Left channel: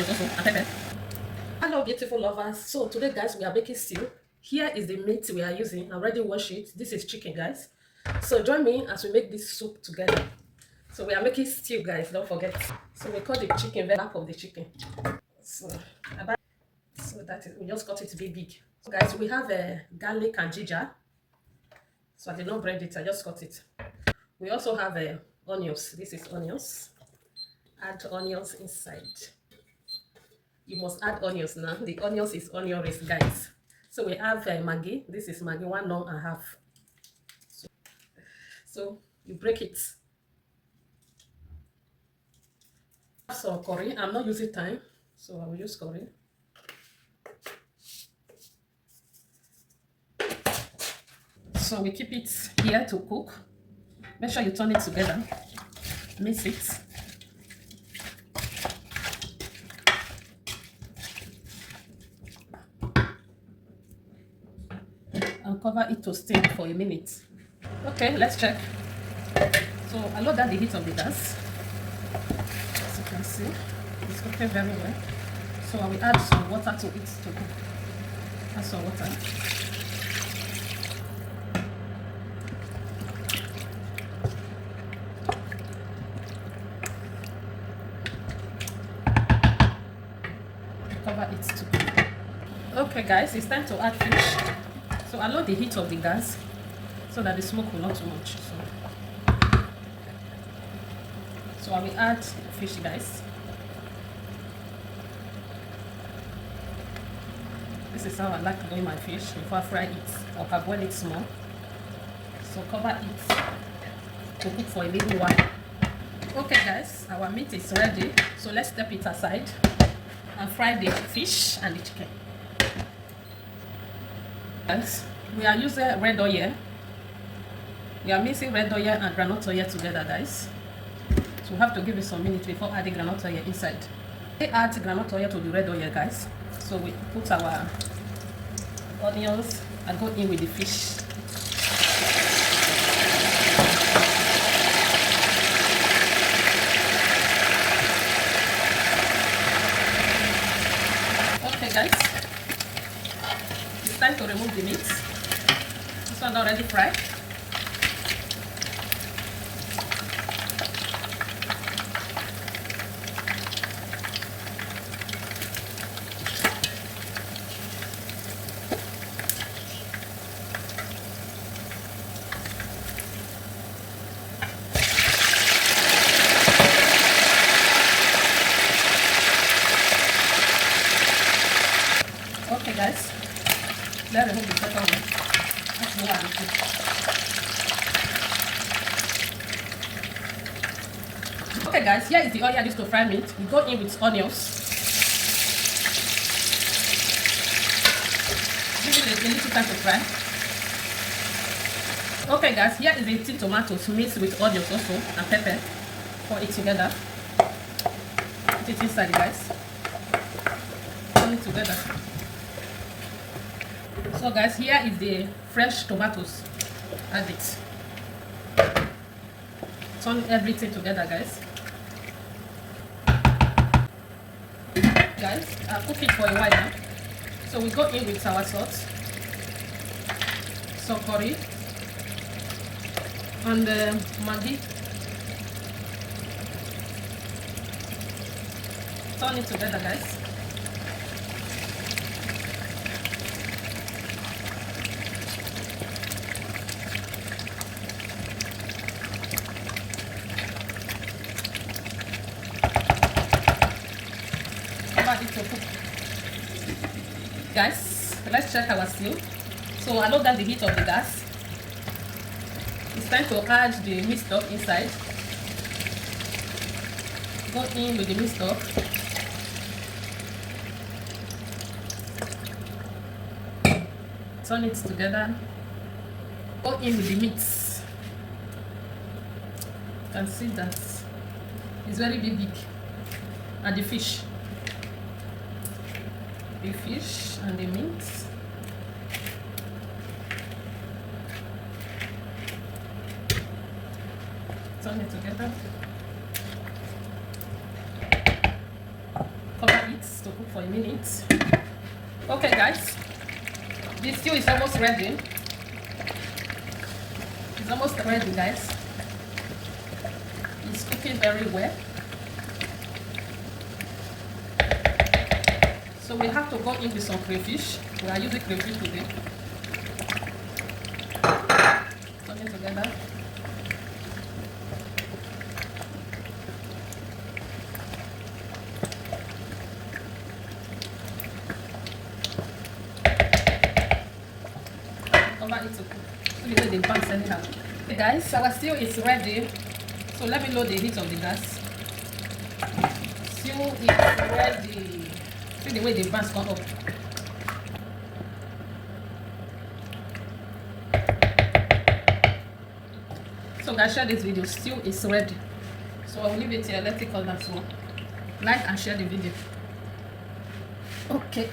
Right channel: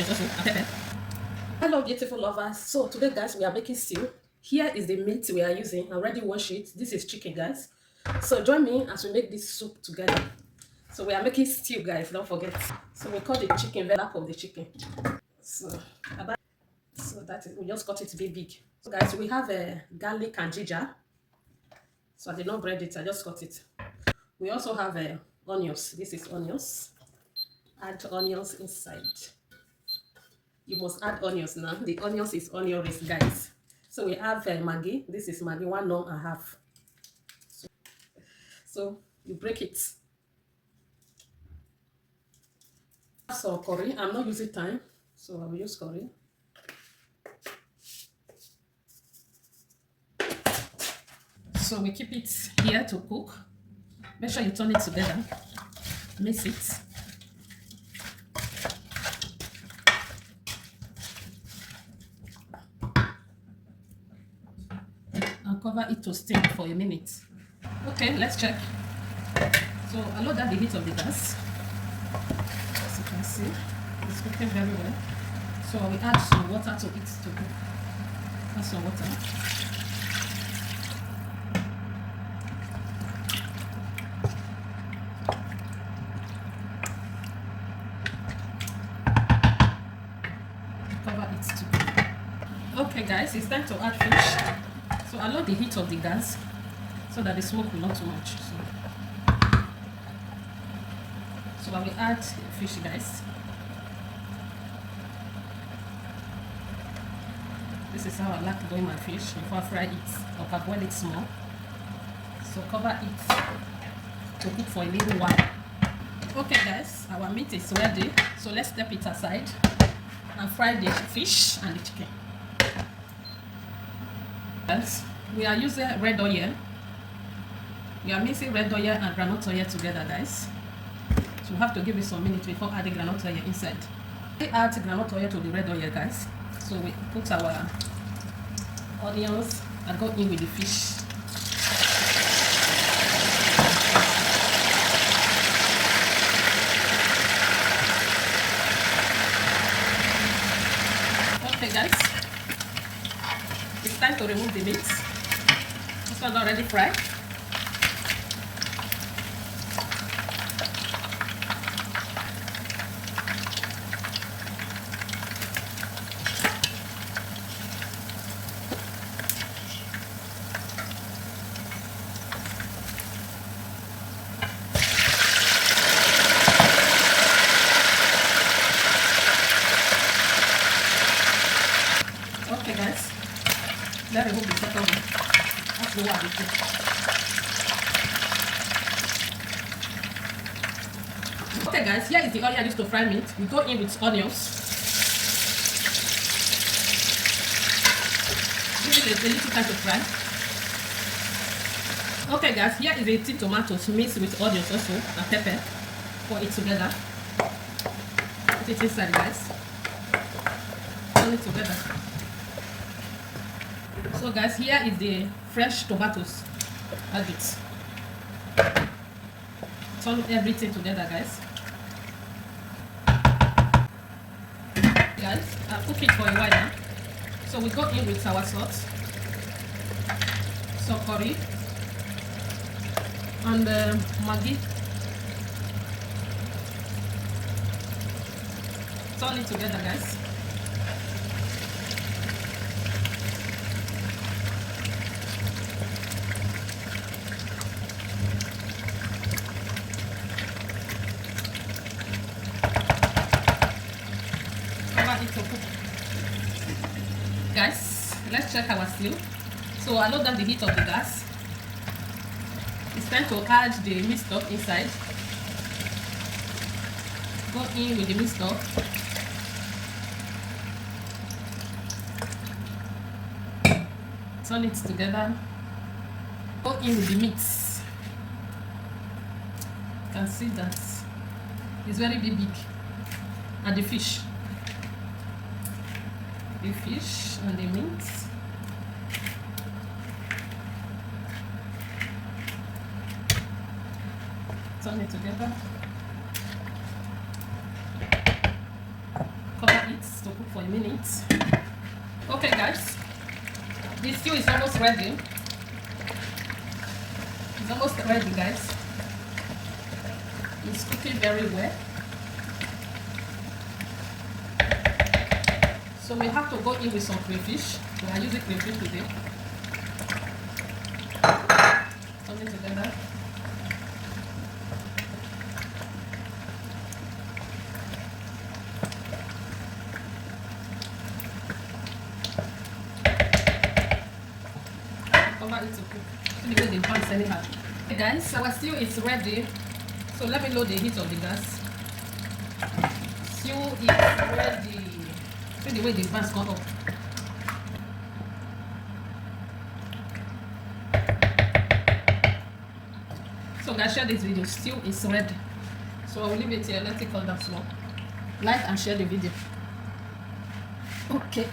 onions also and pepper. Hello beautiful lovers. So today guys we are making stew. Here is the meat we are using. I already washed it. This is chicken guys. So join me as we make this soup together. So we are making stew guys, don't forget. So we cut the chicken, the back of the chicken. So that is, we just cut it to be big. So guys we have a garlic and ginger. So I did not bread it, I just cut it. We also have onions. This is onions. Add onions inside. You must add onions now. The onions is onion rings, guys. So we have Maggi. This is Maggi, 1.5. So you break it. So curry. I'm not using thyme, so I will use curry. So we keep it here to cook. Make sure you turn it together. Mix it. And cover it to steam for a minute. Okay, let's check. So I lower down the heat of the gas. As you can see, it's cooking very well. So I will add some water to it to cook. Add some water. Cover it to cook. Okay guys, it's time to add fish. So I lower the heat of the gas so that the smoke will not too much. So I will add the fish guys. This is how I like to boil my fish before I fry it or boil it small. So cover it to cook for a little while. Okay guys, our meat is ready. So let's step it aside and fry the fish and the chicken. Guys, we are using red oil. We are mixing red oil and groundnut oil together guys. So we have to give it some minutes before adding groundnut oil inside. We add groundnut oil to the red oil guys. So we put our onions and go in with the fish. Okay guys, it's time to remove the meat. This one already fried. Okay guys, let's remove the second one. That's the one. Okay guys, here is the oil I used to fry meat. We go in with onions. Give it a little time to fry. Okay guys, here is 18 tomatoes mixed with onions also and pepper. Pour it together. Put it inside guys. Turn it together. So guys, here is the fresh tomatoes. Add it. Turn everything together guys. Guys, I'll cook it for a while now. So we go in with our salt, so curry, and Maggi. Turn it together guys. Guys, let's check our stew. So I lower down the heat of the gas. It's time to add the meat stock inside. Go in with the meat stock. Turn it together. Go in with the meat. You can see that it's very big. And the fish. The fish and the meat. Turn it together. Cover it. minute. Okay guys, this stew is almost ready. It's almost ready guys. It's cooking very well. So we have to go in with some crayfish. We are using crayfish today. Put it together. Cover it to cook. Let me do the buns anyhow. Okay guys, our stew is ready. So let me lower the heat of the gas. Stew is ready. See the way the buns come up. So guys, share this video. Stew is ready. So I'll leave it here. Let it cool down small. Like and share the video. Okay.